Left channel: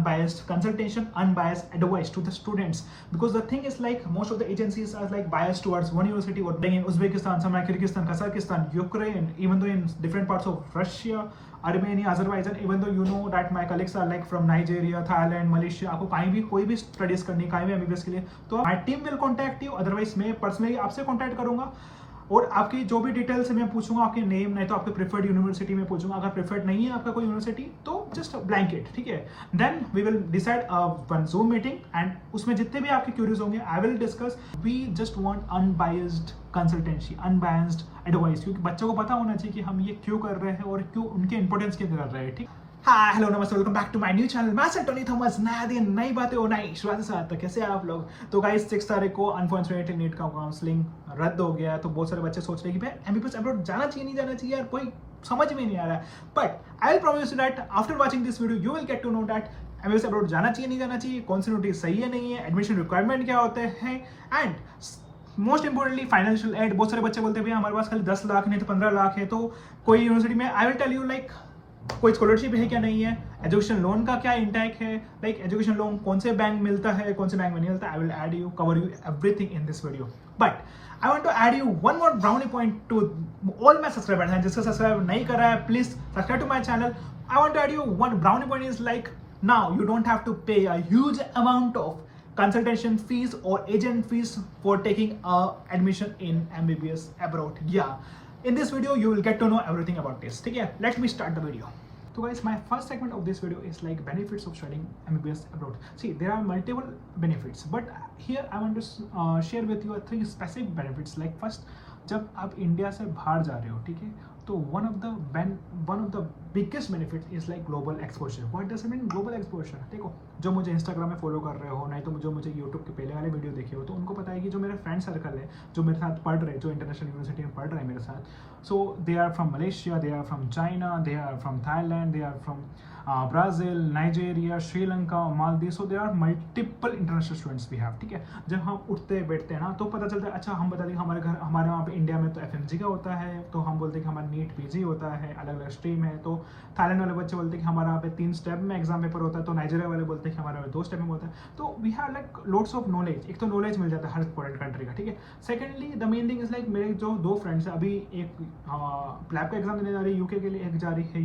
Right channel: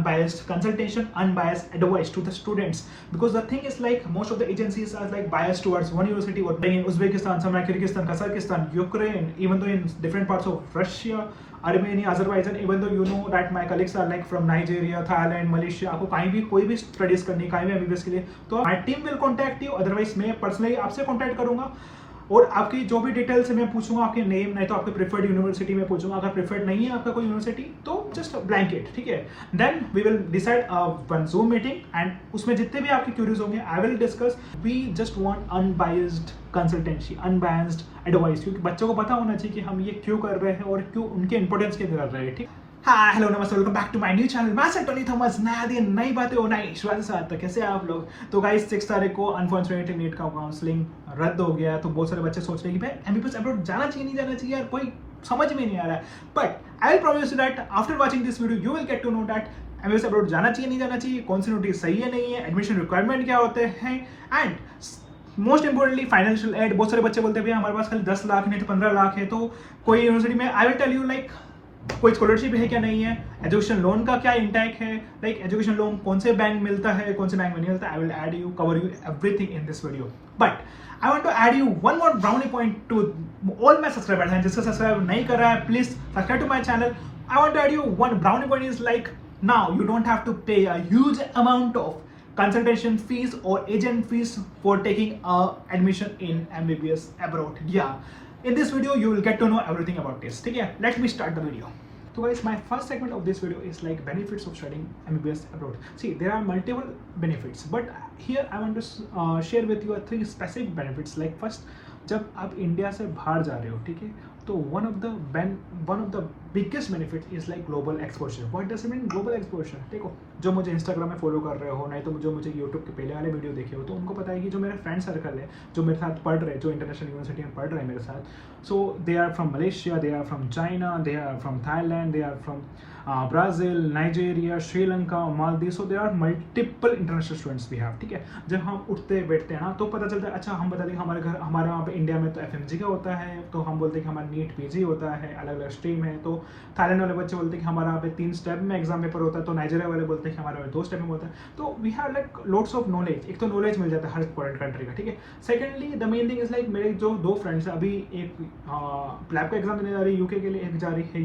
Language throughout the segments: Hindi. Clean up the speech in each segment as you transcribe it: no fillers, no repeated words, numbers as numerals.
unbiased consultation, unbiased advice to the students. Because the thing is like most of the agencies are like biased towards one university, or in Uzbekistan, somewhere Kyrgyzstan, Kazakhstan, Ukraine, even though in different parts of Russia, Armenia, Azerbaijan, even though you know that my colleagues are like from Nigeria, Thailand, Malaysia, आपको कहीं भी कोई भी स्टडीज करनी, कहीं भी एमबीबीएस के लिए, तो my team will contact you, otherwise मैं पर्सनली आपसे कॉन्टैक्ट करूंगा और आपकी जो भी डिटेल्स है मैं पूछूंगा, आपके नेम नहीं तो आपके प्रेफर्ड यूनिवर्सिटी में पूछूंगा, अगर प्रेफर्ड नहीं है आपका कोई यूनिवर्सिटी तो जस्ट ब्लैंकेट, ठीक है। Then we will decide one Zoom meeting and उसमें जितने भी आपके क्यूरीज होंगे I will discuss. We just want unbiased consultancy, unbiased advice, क्योंकि बच्चों को पता होना चाहिए कि हम ये क्यों कर रहे हैं और क्यों उनके इंपॉर्टेंस के लिए कर रहे हैं, ठीक। हाय हेलो नमस्ते, welcome back to my new channel. मैं सर टोनी थॉमस, नया दिन नई बातें और नई शुरुआत के साथ। तो कैसे हैं आप लोग? तो गाइस 6 तारीख को अनफॉर्चुनेटली नीट का काउंसलिंग रद्द हो गया, तो बहुत सारे बच्चे सोच रहे हैं कि भाई एमबीबीएस अब्रॉड जाना चाहिए नहीं जाना चाहिए यार, कोई समझ में नहीं आ रहा है। But I will promise you that after watching this video you will get to know that MBBS abroad जाना चाहिए नहीं जाना चाहिए, कौन सी नोटिस सही है नहीं है, एडमिशन रिक्वायरमेंट क्या होते हैं, and most importantly financial aid. बहुत सारे बच्चे बोलते हैं भैया हमारे पास खाली 10 लाख नहीं तो 15 लाख है, तो कोई यूनिवर्सिटी में I will tell you like कोई स्कॉलरशिप है क्या नहीं है, एजुकेशन लोन का क्या इंटैक है, लाइक एजुकेशन लोन कौन से बैंक मिलता है, कौन से बैंक में नहीं मिलता। I will add you cover you everything in this video. But I want to add you one more brownie point to all my subscribers, and जिसका सब्सक्राइब नहीं कर रहा है please subscribe to my channel. I want to add you one brownie point is like now you don't have to pay a huge amount of consultation fees or agent fees for taking admission in MBBS abroad. Yeah, in this video you will get to know everything about this. ठीक है, let me start the video. So guys, my first segment of this video is like benefits of studying MBBS abroad. See, there are multiple benefits, but here I want to share with you 3 specific benefits. Like first, जब आप इंडिया से बाहर जा रहे हो, ठीक है, तो one of the biggest benefit is like global exposure. What does it mean global exposure? देखो, जो मुझे इंस्टाग्राम में फॉलो कर रहे हो, नहीं तो जो मुझे यूट्यूब के पहले वाले वीडियो देखे हो, तो उनको पता है कि जो मेरा फ्रेंड सर्कल है, जो मेरे साथ पढ़ रहे हैं, जो इंटरनेशनल यूनिवर्सिटी में पढ़ रहे हैं मेरे साथ, so they are from Malaysia, they are from China, they are from Thailand, they are from Brazil, Nigeria, Sri Lanka, Maldives. So they are multiple international students भी हैं, ठीक है। जब हम उठते बैठते हैं ना तो पता चलता है, अच्छा हम बता दें हमारे वहाँ पे इंडिया में तो एफएमजी का होता है, तो हम बोलते हैं कि हमारा नीट पीजी होता है, अलग अलग स्ट्रीम है। तो थाईलैंड वाले बच्चे बोलते हैं कि हमारे यहाँ पे 3 स्टेप में एग्जाम पेपर होता है, तो नाइजीरिया वाले बोलते हैं कि हमारे यहाँ 2 स्टेप में होता है। तो we have like lots of knowledge. एक तो नॉलेज मिल जाता है हर फॉरेन कंट्री का, ठीक है। Secondly the main thing is like मेरे जो 2 फ्रेंड्स हैं, अभी एक लैब का एग्जाम देने जा रही है यूके के लिए, एक जा रही है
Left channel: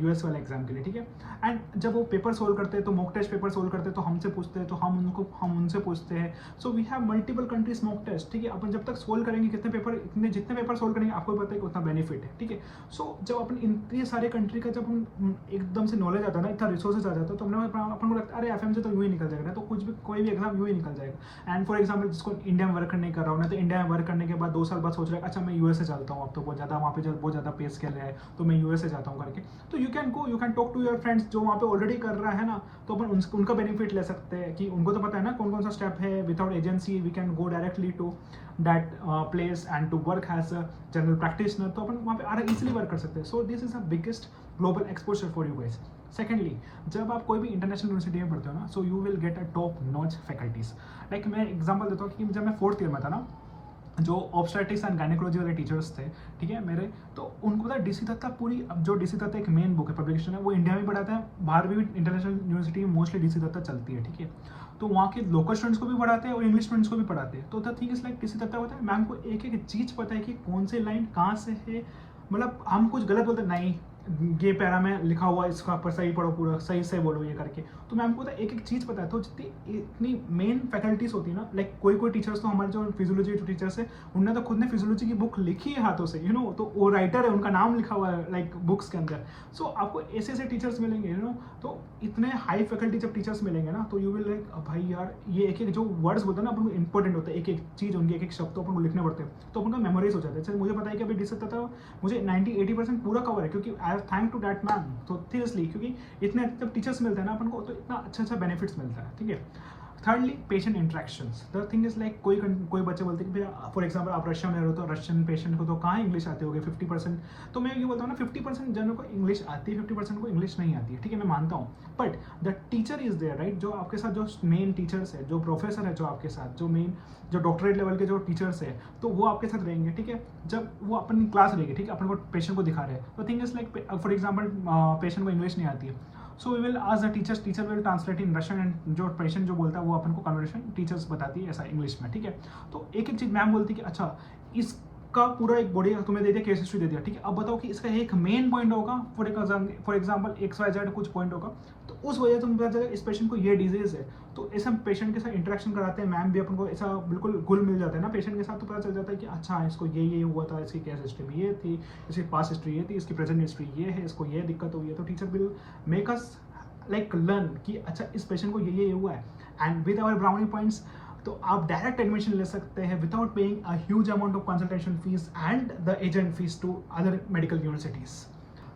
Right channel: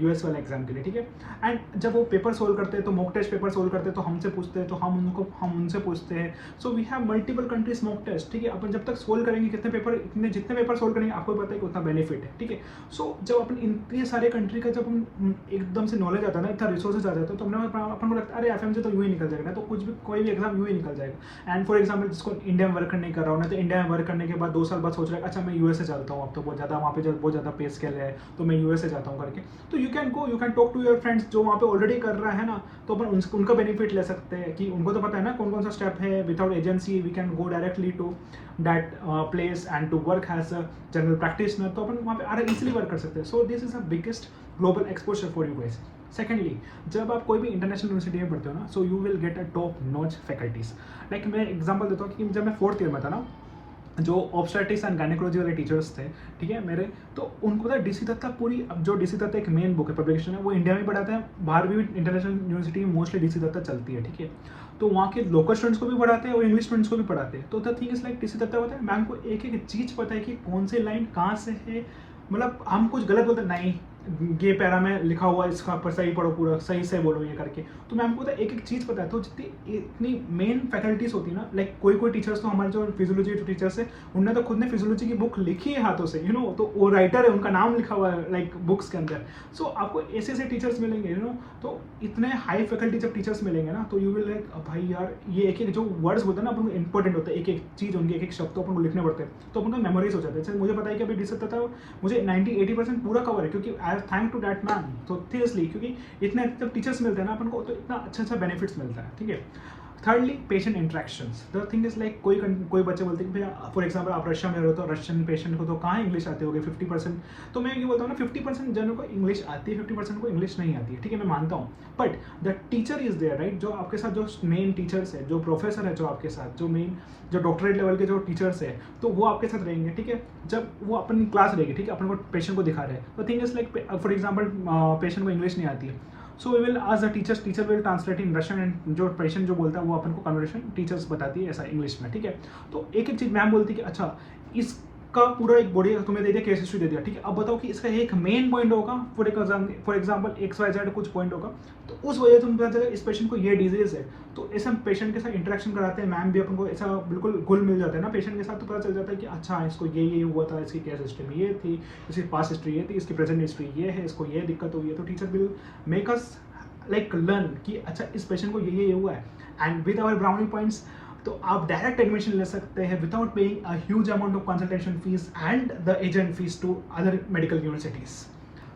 यूएस वाले एग्जाम के लिए, ठीक है। एंड जब वो पेपर सोल्व करते हैं, तो मॉक टेस्ट पेपर सोल्व करते हैं, तो हमसे पूछते हैं, तो हम उनसे पूछते हैं। So we have multiple countries mock test, ठीक है। अपन जब तक सोल्व करेंगे जितने पेपर सोल्व करेंगे आपको पता है कि उतना बेनिफिट है, ठीक है। सो जब अपन इतने सारे कंट्री का जब हम एकदम से नॉलेज आता है ना, इतना रिसोर्सेज आ जाता है, तो अपन को लगता है अरे एफएमजी तो यूँ ही निकल जाएगा ना, तो कुछ भी कोई भी एग्जाम यूँ ही निकल जाएगा। एंड फॉर एग्जाम्पल जिसको इंडिया में वर्क नहीं कर रहा हूँ ना, तो इंडिया में वर्क करने के बाद 2 साल बाद सोच रहा है अच्छा मैं यूएसए चलता हूँ, अब तो बहुत ज़्यादा वहाँ पे बहुत ज़्यादा पे स्केल है, तो मैं यूएसए जाता हूँ करके। तो you can talk to your friends जो वहाँ पे ऑलरेडी कर रहा है ना, तो अपन उनका बेनिफिट ले सकते हैं कि उनको तो पता है ना कौन कौन सा स्टेप है। Without agency we can go directly to that place and to work as a general practitioner, तो अपन वहाँ पे इजीली वर्क कर सकते हैं। So this is the biggest global exposure for you guys. Secondly, जब आप कोई भी इंटरनेशनल यूनिवर्सिटी में पढ़ते हो ना, so you will get a top notch faculties. Like मैं एग्जाम्पल देता हूँ कि जब मैं 4th ईयर में था ना, जो ऑब्स्टेटिक्स एंड गायनेकोलॉजी वाले टीचर्स थे, ठीक है मेरे, तो उनको था डीसी दत्ता पूरी, अब जो डीसी दत्ता एक मेन बुक है, पब्लिकेशन है, वो इंडिया में पढ़ाते हैं, बाहर भी इंटरनेशनल यूनिवर्सिटी में मोस्टली डीसी दत्ता चलती है, ठीक है। तो वहाँ के लोकल स्टूडेंट्स को भी पढ़ाते हैं और इंग्लिश स्टूडेंट्स को भी पढ़ाते हैं। तो the thing is like DC Dutta होता है, मैम को एक एक चीज़ पता है कि कौन से लाइन कहाँ से है, मतलब हम कुछ गलत बोलते नहीं, ये पैरा में लिखा हुआ इसका पर सही पढ़ो, पूरा सही से बोलो ये करके। तो मैम को एक एक चीज़ पता है। तो जितनी इतनी मेन फैकल्टीज होती है ना, लाइक कोई टीचर्स तो हमारे जो फिजियोलॉजी टीचर्स है, उन्होंने तो खुद ने फिजियोलॉजी की बुक लिखी है हाथों से, यू नो, तो वो राइटर है, उनका नाम लिखा हुआ है लाइक बुक्स के अंदर। सो आपको ऐसे ऐसे टीचर्स मिलेंगे, यू नो, तो इतने हाई फैकल्टी जब टीचर्स मिलेंगे ना, तो यू विल लाइक भाई यार ये एक जो वर्ड्स होते हैं ना अपन को इंपॉर्टेंट होता है, एक एक चीज़ उनके एक शब्द तो अपन को लिखने पड़ते हैं, तो अपन का मेमोरीज हो जाता है। मुझे पता है कि अभी डी सकता था मुझे 90-80% पूरा कवर है, क्योंकि I thank to that ma'am. तो सीरियसली, क्योंकि इतने जब टीचर्स मिलते हैं ना अपन को, तो इतना अच्छा बेनिफिट्स मिलता है, ठीक है। Thirdly, patient interactions. The thing is like कोई बच्चे बोलते हैं कि भैया फॉर एग्जाम्पल आप रशिया में रहो, तो रशियन पेशेंट को तो कहाँ इंग्लिश आती होगी 50%। तो मैं ये बोलता हूँ ना 50% जनों को इंग्लिश आती है, 50% को इंग्लिश नहीं आती है, ठीक है, मैं मानता हूँ। But the teacher is there, right, जो आपके साथ जो मेन टीचर्स है, जो प्रोफेसर है, जो आपके साथ जो डॉक्टरेट लेवल के जो टीचर्स है, तो वो आपके साथ रहेंगे, ठीक है। जब वो अपनी क्लास रहेगी, ठीक है, अपन को पेशेंट को दिखा रहे हैं, तो thing is like for example patient को इंग्लिश नहीं आती है, सो वी विल आज the teachers, teacher will translate in Russian and जो पेशेंट जो बोलता है वो अपन को कन्वर्सेशन टीचर्स बताती है ऐसा इंग्लिश में, ठीक है। तो एक एक चीज़ मैम बोलती है कि अच्छा इसका पूरा एक बॉडी तुम्हें दे दिया, केस हिस्ट्री दे दिया, ठीक है। अब बताओ कि इसका एक मेन पॉइंट होगा, फॉर एग्जाम्पल XYZ कुछ पॉइंट होगा, तो उस वजह से तुम्हें पता चलेगा इस पेशेंट को ये डिजीज है। तो ऐसा पेशेंट के साथ इंटरेक्शन कराते हैं मैम भी, अपन को ऐसा बिल्कुल घुल मिल जाता है ना पेशेंट के साथ, तो पता चल जाता है कि अच्छा इसको ये हुआ था, इसकी केस हिस्ट्री में ये थी, इसकी पास्ट हिस्ट्री ये थी, इसकी प्रेजेंट हिस्ट्री ये है, इसको ये दिक्कत हुई है। तो teacher will make us like learn कि अच्छा इस पेशेंट को ये हुआ है, and with our brownie points तो आप डायरेक्ट एडमिशन ले सकते हैं without paying a huge amount of consultation fees and the agent fees to other medical universities.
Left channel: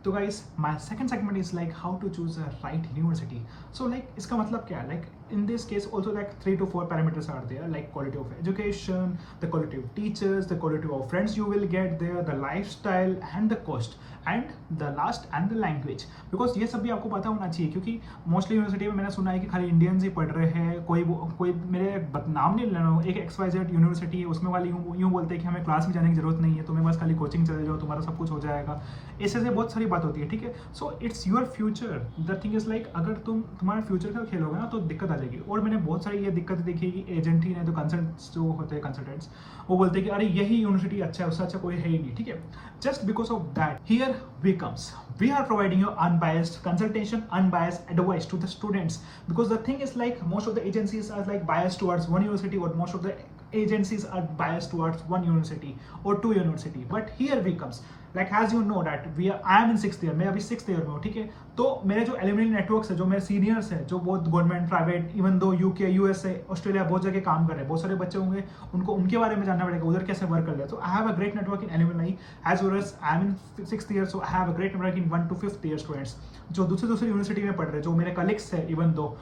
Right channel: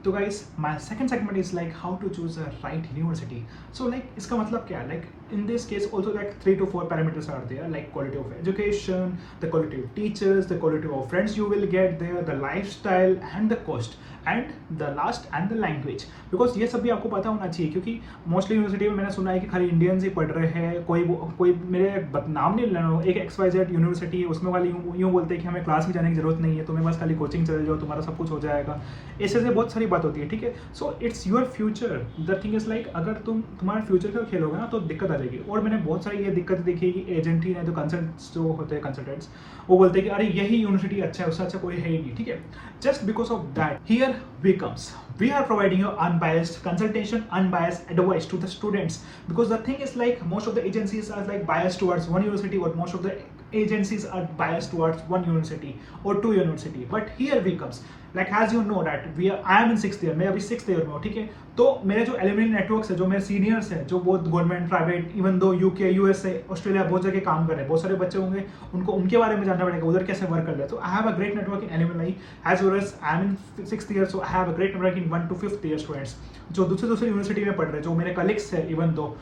तो guys my second segment is like how to choose a right university. So like इसका मतलब क्या है, like in this case also like 3 to 4 parameters are there, like quality of education, the quality of teachers, the quality of friends you will get there, the lifestyle and the cost, and the last and the language, because ये सब भी आपको पता होना चाहिए, क्योंकि मोस्टली यूनिवर्सिटी में मैंने सुना है कि खाली इंडियंस ही पढ़ रहे हैं। कोई मेरे नाम नहीं लेना, एक XYZ यूनिवर्सिटी है उसमें वाले यूँ बोलते हैं कि हमें क्लास में जाने की जरूरत नहीं है, तुम्हें बस खाली कोचिंग चले जाओ तुम्हारा सब कुछ हो जाएगा। ऐसे से बहुत सारी बात होती है, ठीक है। So it's your future, the thing is like अगर तुम्हारा फ्यूचर का खेलोगे ना तो दिक्कत आ जाएगी। और मैंने बहुत सारी ये दिक्कत देखी कि एजेंट ही नहीं तो कंसल्टेंट्स जो होते हैं कंसल्टेंट्स वो बोलते हैं कि अरे यही यूनिवर्सिटी अच्छा है, उससे अच्छा कोई है ही नहीं, ठीक है। Just because of that here we comes, we are providing you unbiased consultation, unbiased advice to the students, because the thing is like most of the agencies are like biased towards one university, or most of the agencies are biased towards one university or two university, but here we comes like as you know that I am in 6th year, मैं अभी 6th year में हूँ, ठीक है। तो मेरे जो एलुमनी नेटवर्क्स है, जो मेरे सीनियर्स हैं, जो बहुत government private even though UK USA Australia बहुत जगह काम कर रहे हैं, बहुत सारे बच्चे होंगे उनको उनके बारे में जानना पड़ेगा उधर कैसे वर्क कर रहे हैं। तो I have a great network in alumni as well as I am in 6th year, so I have a great network in 1 to 5th year students जो दूसरे यूनिवर्सिटी में पढ़ रहे हैं, जो मेरे कलीग्स हैं, even though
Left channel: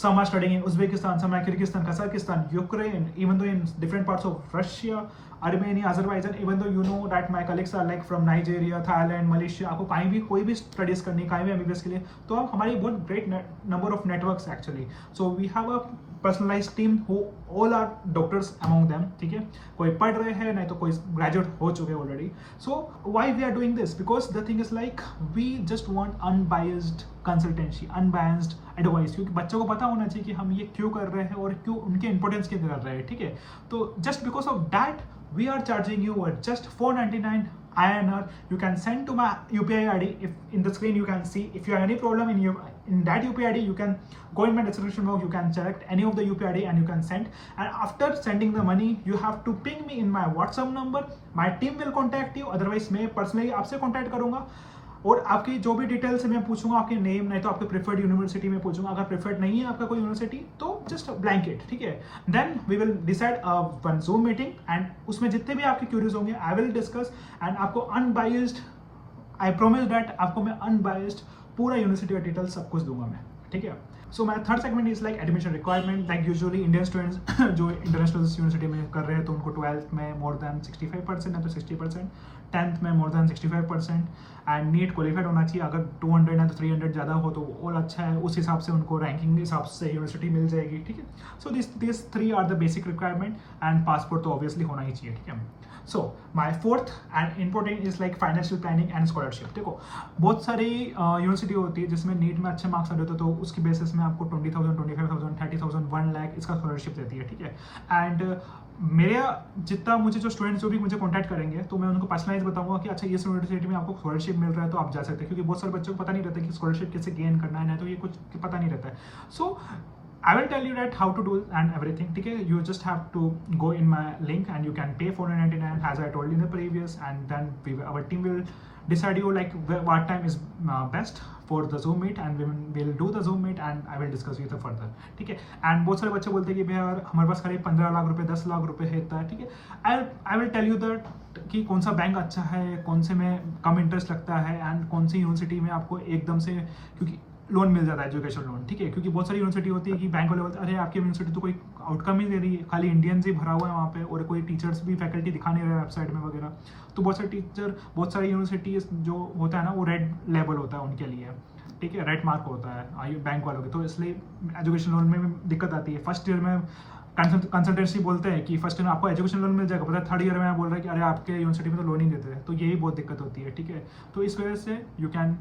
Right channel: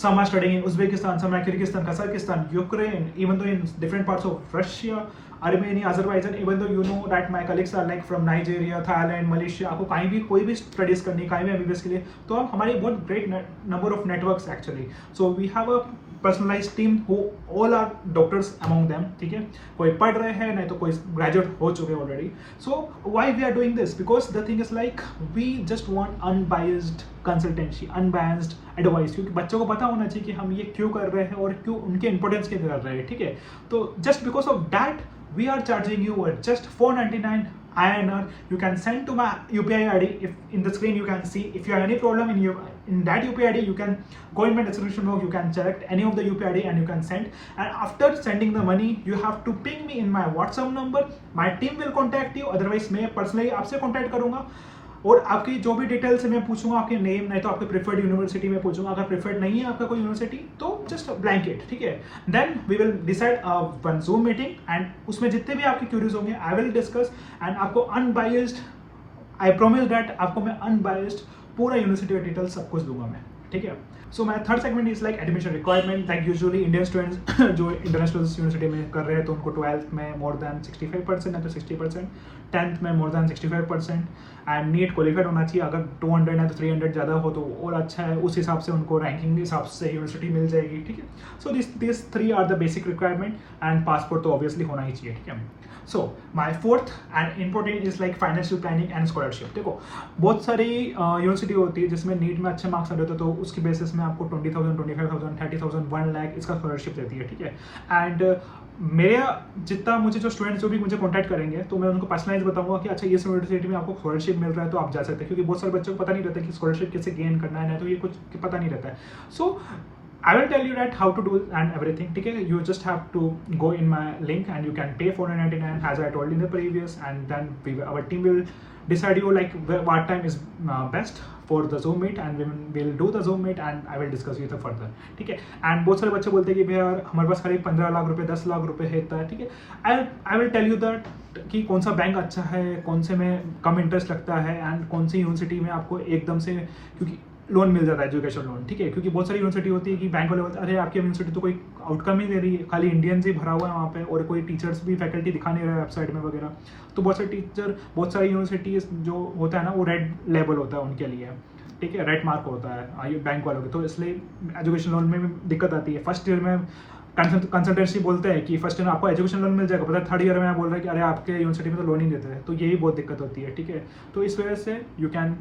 some are studying in Uzbekistan, some are Kyrgyzstan, Kazakhstan, Ukraine, even though in different parts of Russia, Armenia, Azerbaijan, even though you know that my colleagues are like from Nigeria, Thailand, Malaysia, आपको कहीं भी कोई भी स्टडीज करनी, कहीं भी MBBS के लिए, तो हम हमारी बहुत great number of networks actually. So we have a personalised team who all are doctors among them, ठीक है। कोई पढ़ रहे हैं, नहीं तो कोई ग्रेजुएट हो चुके हैं already. So why we are doing this, because the thing is like we just want unbiased consultancy, unbiased advice, क्योंकि बच्चों को पता होना चाहिए कि हम ये क्यों कर रहे हैं और क्यों उनके इंपॉर्टेंस के कर रहे हैं, ठीक है। तो just because of that we are charging you just 499 INR. You can send to my UPI ID. If in the screen you can see, if you have any problem in that UPI ID, you can go in my description box, you can select any of the UPI ID and you can send. And after sending the money, you have to ping me in my WhatsApp number. My team will contact you. Otherwise मैं personally आपसे contact करूँगा और आपकी जो भी डिटेल्स मैं पूछूंगा, आपके नेम, नहीं तो आपके प्रेफर्ड यूनिवर्सिटी में पूछूंगा। अगर प्रेफर्ड नहीं है आपका कोई यूनिवर्सिटी तो जस्ट ब्लैंकेट, ठीक है। Then we will decide one Zoom meeting and उसमें जितने भी आपके क्यूरीज होंगे आई विल डिस्कस एंड आपको अनबायस्ड, आई प्रॉमिस दैट आपको मैं अनबायस्ड पूरा यूनिवर्सिटी का डिटेल्स सब कुछ दूंगा मैं, ठीक है। So my third segment is like admission requirement, like usually Indian students जो इंटरनेशनल यूनिवर्सिटी में कर रहे हैं तो उनको 12th में मोर देन 65% है तो 60%, 10th में more than 65% and NEET qualified होना चाहिए। अगर 200 है तो 300 ज़्यादा हो तो और अच्छा है, उस हिसाब से उनको रैंकिंग के हिसाब से यूनिवर्सिटी मिल जाएगी, ठीक है। So this 3 are the basic requirement and passport तो ऑब्वियसली होना ही चाहिए, ठीक है। So my fourth and important is like financial planning and scholarship. देखो बहुत सारी यूनिवर्सिटी होती है जिसमें नीट में अच्छे मार्क्स आ रहे तो उसकी बेसिस में आपको 20,000, 25,000, 30,000, 1 लाख इसका स्कॉलरशिप देती है, ठीक है। एंड मेरे जितना मुझे जो स्टूडेंट्स जो भी मुझे कॉन्टैक्ट करेंगे तो मैं उनको पर्सनलाइज बताऊंगा कि अच्छा ये यूनिवर्सिटी में आपको स्कॉलरशिप मिल रहा है तो आप जा सकते हैं, क्योंकि बहुत सारे बच्चों को पता नहीं रहता कि स्कॉलरशिप कैसे गेन करना है, तो ये कुछ पता नहीं रहता है। सो I will tell you that how to do and everything, ठीक है। You just have to go in my link and you can pay 499 as I told in the previous, and then our team will decide you like what time is best for the Zoom meet and we will do the Zoom meet and I will discuss with you further, ठीक है। and बहुत सारे बच्चे बोलते हैं कि भैया हमारे पास करीब 15 लाख रुपए 10 लाख रुपए है, ठीक है। I will tell you that कि कौन सा बैंक अच्छा है, कौन से में कम इंटरेस्ट लगता है एंड कौन सी यूनिवर्सिटी में आपको एकदम से क्योंकि लोन मिल जाता है, एजुकेशन लोन, ठीक है। क्योंकि बहुत सारी यूनिवर्सिटी होती है कि बैंक वाले बोलते हैं अरे आपकी यूनिवर्सिटी तो कोई आउटकम ही दे रही है, खाली इंडियंस ही भरा हुआ है वहाँ पे और कोई टीचर्स भी फैकल्टी दिखा नहीं रहा है वेबसाइट में वगैरह। तो बहुत सारे टीचर, बहुत सारी यूनिवर्सिटी जो होता है ना वो रेड लेवल होता है उनके लिए, ठीक है, रेड मार्क होता है बैंक वालों के, तो इसलिए एजुकेशन लोन में भी दिक्कत आती है। फर्स्ट ईयर में कंसल्टेंसी बोलते हैं कि फर्स्ट ईयर में आपको एजुकेशन लोन मिल जाएगा, पता है थर्ड ईयर में आप बोल रहे हैं कि अरे आपके यूनिवर्सिटी में तो लोन ही देते हैं, तो यही बहुत दिक्कत होती है, ठीक है। तो इस वजह से you can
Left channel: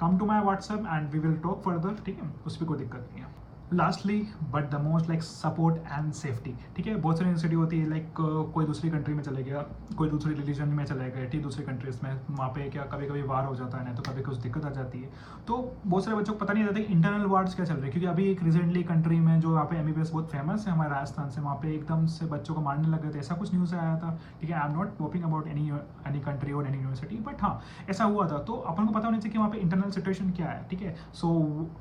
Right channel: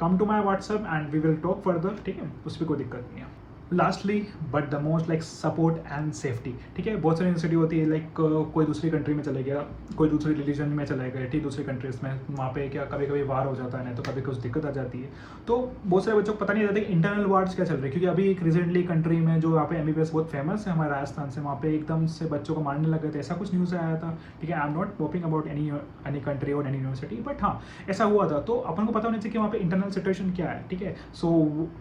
come to my WhatsApp and we will talk further, ठीक है, उस पर कोई दिक्कत नहीं है। Lastly but the most like support and safety, ठीक है। बहुत सारी यूनिवर्सिटी होती है लाइक कोई दूसरी कंट्री में चले गया, कोई दूसरी रिलीजन में चले गए, ठीक, दूसरी कंट्रीज में, वहाँ पे क्या कभी कभी वार हो जाता है, नहीं तो कभी कुछ दिक्कत आ जाती है। तो बहुत सारे बच्चों को पता नहीं रहता कि इंटरनल वार्स क्या चल रहे हैं, क्योंकि अभी एक रिसेंटली कंट्री में जो यहाँ पे MBBS बहुत फेमस है हमारे राजस्थान से, वहाँ पे एकदम से बच्चों को मारने लगे थे, ऐसा कुछ न्यूज़ आया था, ठीक है। I am not talking about any country और एनी यूनिवर्सिटी, बट हाँ ऐसा हुआ था। तो अपन को पता होना चाहिए कि वहाँ पे इंटरनल सिचुएशन क्या है, ठीक है। सो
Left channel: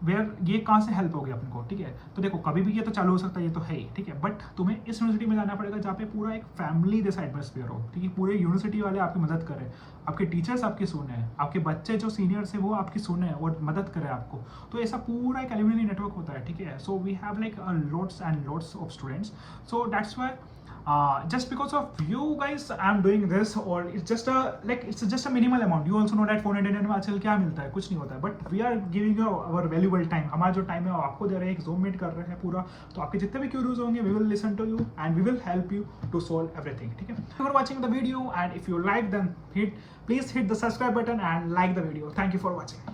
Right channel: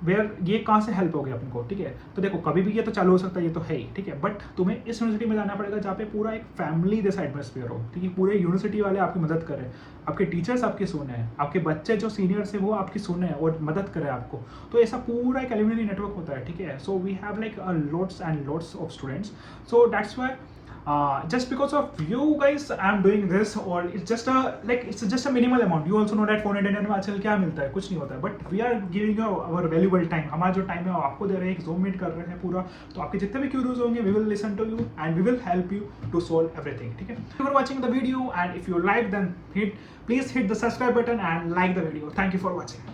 वेयर ये कहाँ से हेल्प हो गया अपन को, ठीक है। तो देखो कभी भी ये तो चालू हो सकता है, ये तो है ही, ठीक है, बट तुम्हें इस यूनिवर्सिटी में जाना पड़ेगा जहाँ पे पूरा एक फैमिली जैसा एटमोसफियर हो, ठीक है। पूरे यूनिवर्सिटी वाले आपकी मदद करें, आपके टीचर्स आपकी सुने हैं, आपके बच्चे जो सीनियर्स है वो आपकी सुने और मदद करें आपको। तो ऐसा पूरा एक एलुमनी नेटवर्क होता है, ठीक है। So we have like lots and lots of students, so that's why just because of you guys I'm doing this, or it's just a minimal amount. You also know that 400 में आजकल क्या मिलता है, कुछ नहीं होता है, but we are giving you our valuable time. हमारा जो टाइम है वो आपको दे रहे हैं, एक Zoom मीट कर रहे हैं पूरा, तो आपके जितने भी क्यूरीज होंगे we will listen to you and we will help you to solve everything, ठीक है। For watching the video and if you like then please hit the subscribe button and like the video. Thank you for watching.